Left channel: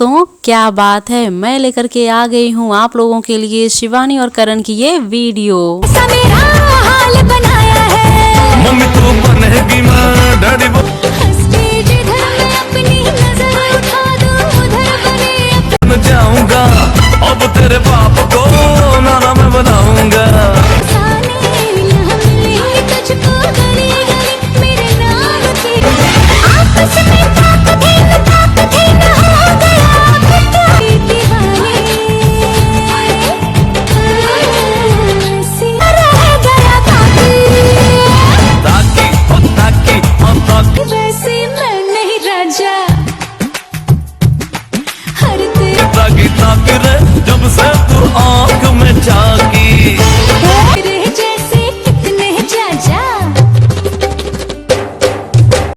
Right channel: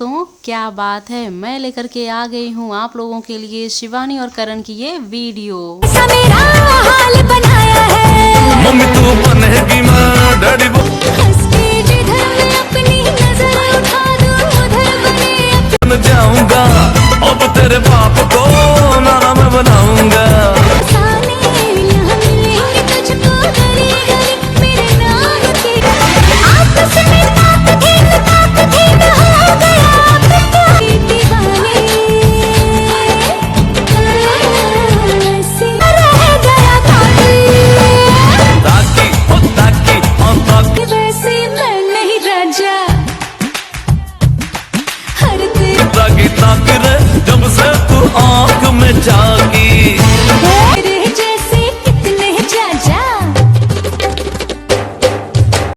दोस्तों क्या बात है, मैं लेकर के आ गई हूँ आप लोगों के लिए शिवानी और करण की ये वीडियो। ऐसा मेरा हाल बनाया है मम्मी तू बनेगी मैं डैडी हंस के जिधर मैं अपनी नजर उठा दूं उधर बने बन जाऊंगा। अब तेरे बाप को नाना मैं बनाऊंगा। अफसाने यहाँ मिलेंगे तुझको गली गली मेरे नाम के। आपस में ताकदीन हो गया अब क्या दीवाने ऐसी रह गया ताकि ओ ताकि वैसे मैं नहीं राजा हर ताकि रे जब से तू आंख में झांकी।